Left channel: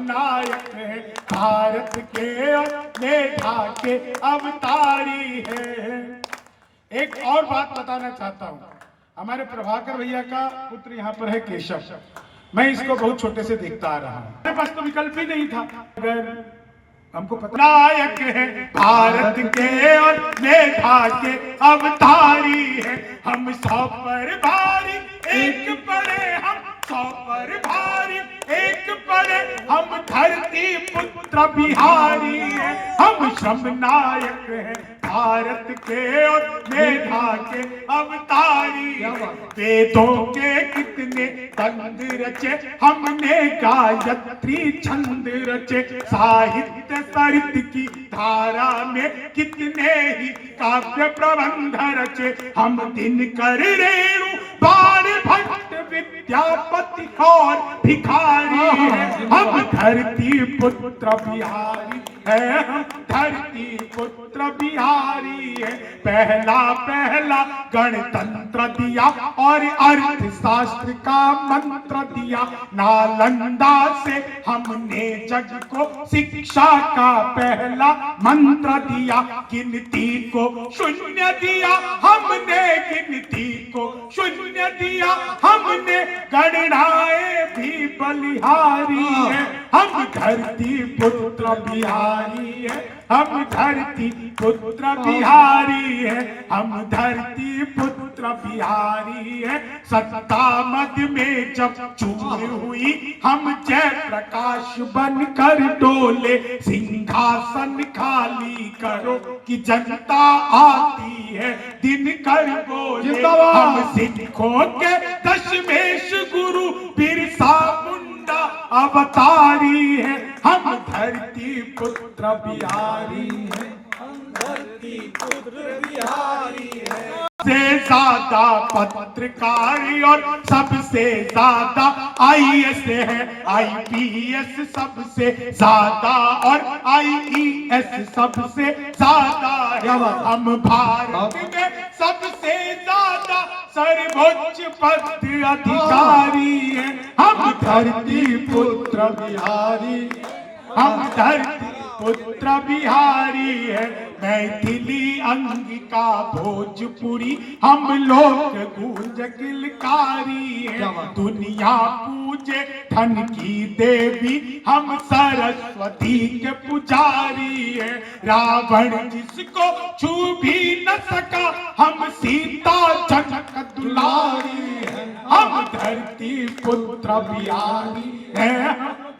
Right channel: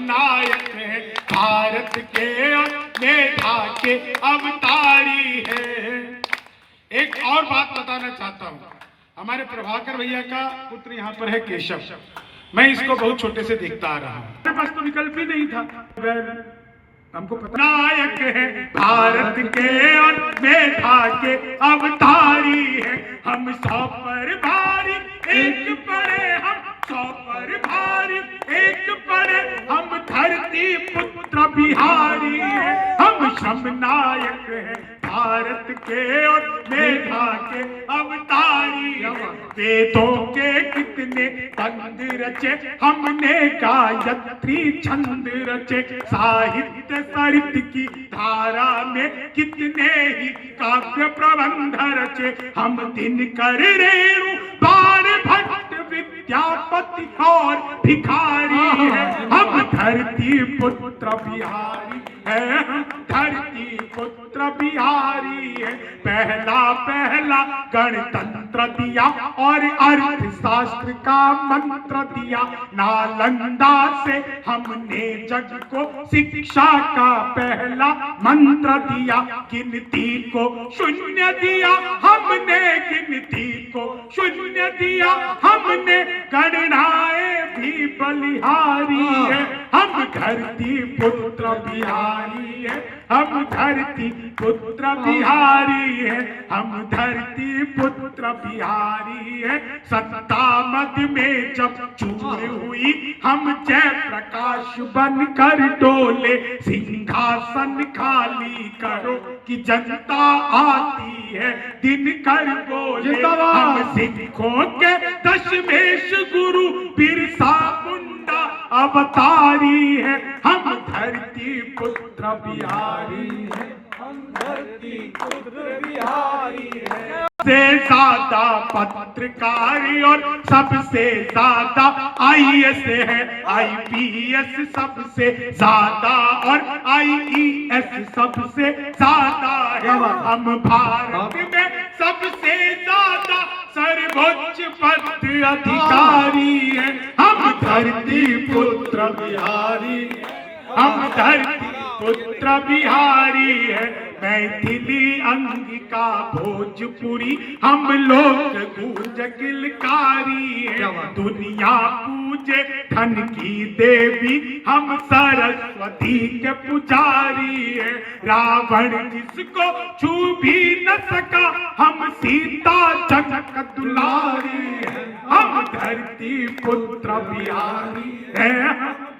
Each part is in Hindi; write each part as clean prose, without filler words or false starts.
नायक है भारत के और मेधा के अवतारी है। एक और बात बताना चाहता हूँ, हमारे प्रभाकर भैया का पुत्र यहाँ पर है केशव। मैं इसको बहुत छोटे से देखता आ रहा हूँ, मेरे पास तो विकल्प ही नहीं था। अगर हमको पता नायक है भारत के और मेधा के अवतारी है, हम 100 पर भारी एक पड़े, हम 100 पर भारी एक पड़े, हम धरती पुत्र बिहारी है, हम श्रम नायक है भारत के और मेधा के अवतारी है। वेदों के कितने बंद रचे, हमने गायत्री छंद रचे, साहित्य साहित्य की धारा में कितने ही काव्य प्रबंध रचे, हम दिनकर रेणु बाण भट्ट विद्यापति और भिखारी है, हम धरती पुत्र बिहारी है, हम धरती पुत्र बिहारी है। पहला गणतंत्र दिया और अर्थशास्त्र का मंत्र दिया, नालंदा से हमने जग को शिक्षा का पहला मंत्र दिया, गिनती को शून्य दिया हमने, गिनती को शून्य दिया हमने, गणनाएं भी बलिहारी है, हम धरती पुत्र बिहारी है, हम धरती पुत्र बिहारी है, हम धरती पुत्र बिहारी है। सत्ता मद में जब चूर हुई, हम जय प्रकाश बनकर डोले, सिंहासन खाली करो कि जनता आती है दिनकर बोले, हम सिखों के दशमेश गुरु बिरसा मुंडा अवतारी है, हम धरती पुत्र बिहारी है, हम धरती पुत्र बिहारी है। सबसे ज्यादा पत्रकारी और सबसे ज्यादा IAS है, IPS सबसे ज्यादा और IES सबसे ज्यादा है, हम भारत में सबसे ज्यादा सर्वोच्च पद अधिकारी है, हम धरती पुत्र बिहारी, हम धरती पुत्र बिहारी है। मैथिली अंगिका भोजपुरी हम लोग गूंज किलकारी है, दुनिया पूजे धन की देवी, हम सरस्वती के पुजारी है, रावण जिसको छू भी न सका, हम सीता जनक दुलारी है, हम धरती पुत्र बिहारी है,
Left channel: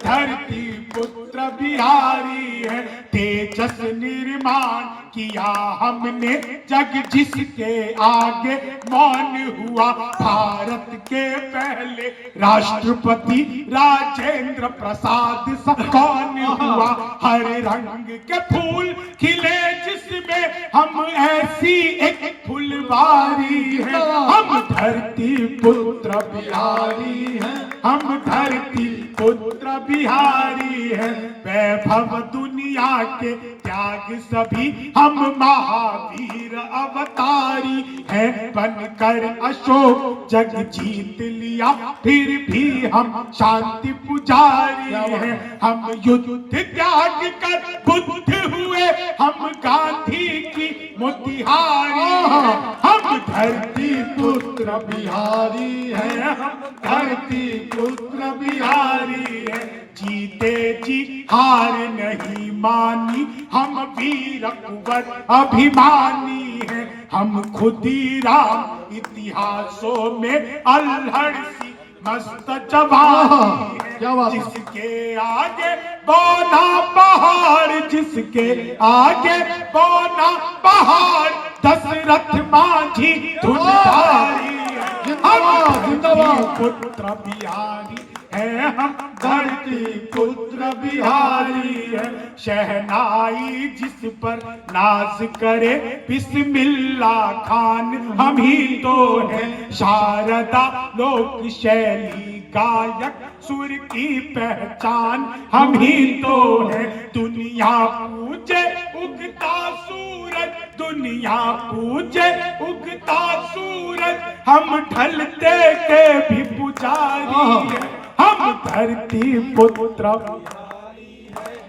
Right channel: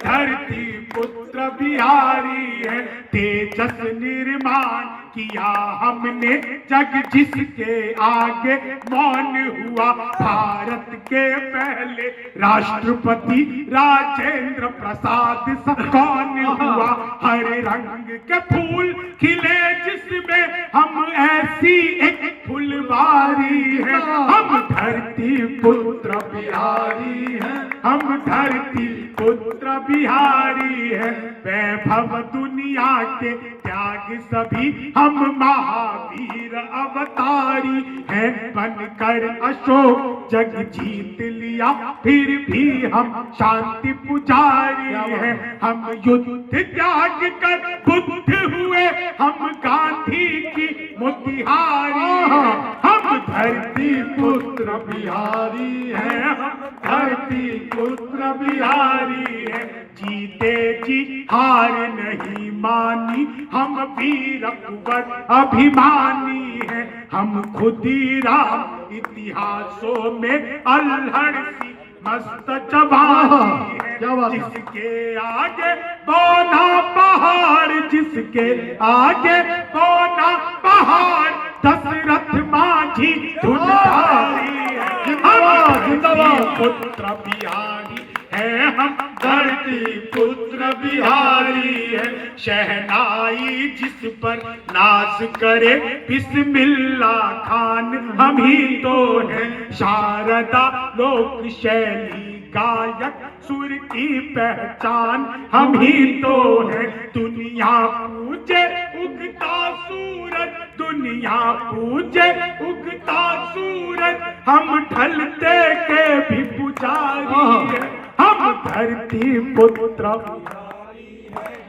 धरती पुत्र बिहारी है। तेजस निर्माण किया हमने, जग जिसके आगे मौन हुआ, भारत के पहले राष्ट्रपति राजेंद्र प्रसाद सब कौन हुआ, हर रंग के फूल खिले जिसमें, हम ऐसी एक फुलवारी है, हम धरती पुत्र बिहारी है, हम धरती पुत्र बिहारी है। वैभव दुनिया के त्याग सभी, हम महावीर अवतारी है, बनकर अशोक जग जीत लिया, फिर भी हम शांति पुजारी है, हम युद्ध त्याग कर बुद्ध हुए, हम गांधी की मोतिहारी है, हम धरती पुत्र बिहारी है, हम धरती पुत्र बिहारी है। जीते जी हार नहीं मानी, हम वीर कुंवर अभिमानी है, हम खुदीराम इतिहासों में अल्हड़ सी मस्त जवानी है, जिसके आगे बौना पहाड़, जिसके आगे बौना पहाड़, दशरथ माझी धुनधारी है, हम धरती पुत्र बिहारी है, हम धरती पुत्र बिहारी है। शहनाई जिस पर नाज करे, बिस्मिल्ला खान हम ही तो है, शारदा लोक शैली गायक, सुर की पहचान हम ही तो है, दुनिया पूजे उगता सूरज, दुनिया पूजे उगता सूरज, हम ढलते के भी पुजारी है, हम धरती पुत्र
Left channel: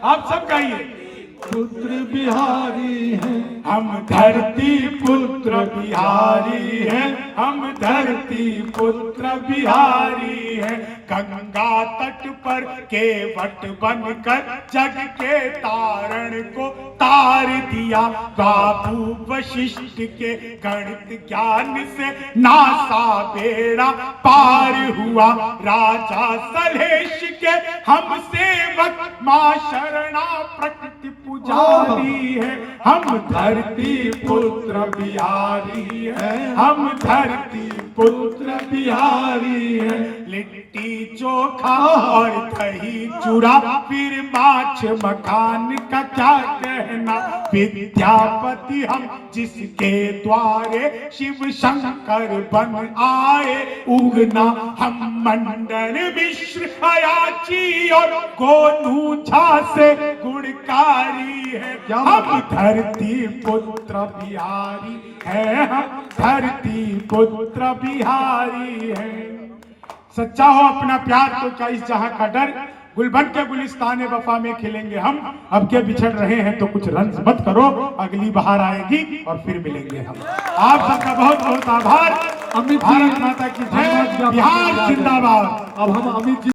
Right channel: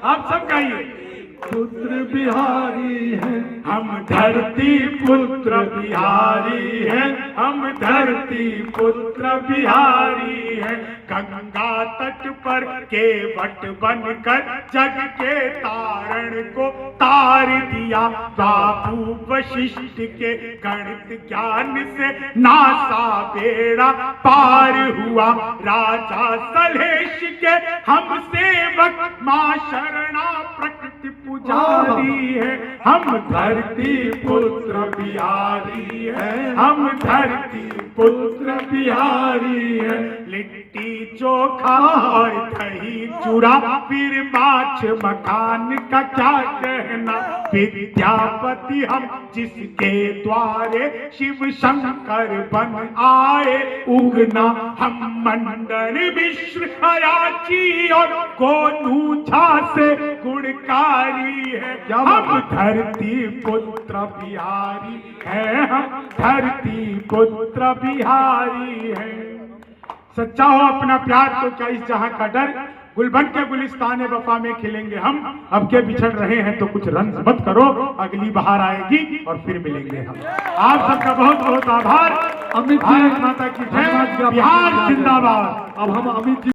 आप सब गाइए। पुत्र बिहारी है, हम धरती पुत्र बिहारी है, हम धरती पुत्र बिहारी है। गंगा तट पर केवट बनकर जग के तारण को तार दिया। बाबू वशिष्ठ के गणित ज्ञान से नासा बेड़ा पार हुआ। राजा सलेश के हम सेवक मां शरणा प्रकृति पुजारी है। हम धरती पुत्र बिहारी है, हम धरती पुत्र बिहारी है। लिट्टी चोखा और दही चूड़ा फिर माछ मखान का क्या कहना। विद्यापति हम जिसके द्वारे शिव शंकर बन आए उगना। हम मंडन मिश्र अयाची और गोनू झा से गुणकारी है। हम धरती पुत्र बिहारी है, हम धरती पुत्र बिहारी है। सच्चा हो अपना प्यार तो क्या इस जहां का डर। गुलबन के गुलिस्तान वफा में खिलेंगे हम। अब के बिछड़ रहे हैं तो कुछ रंज मत करो, अगली बहार आएगी और फिर मिलेंगे हम। आप सबका बहुत बहुत आभार। अमित जी, भारत माता की जय, बिहार जिंदाबाद। अब हम अमित जी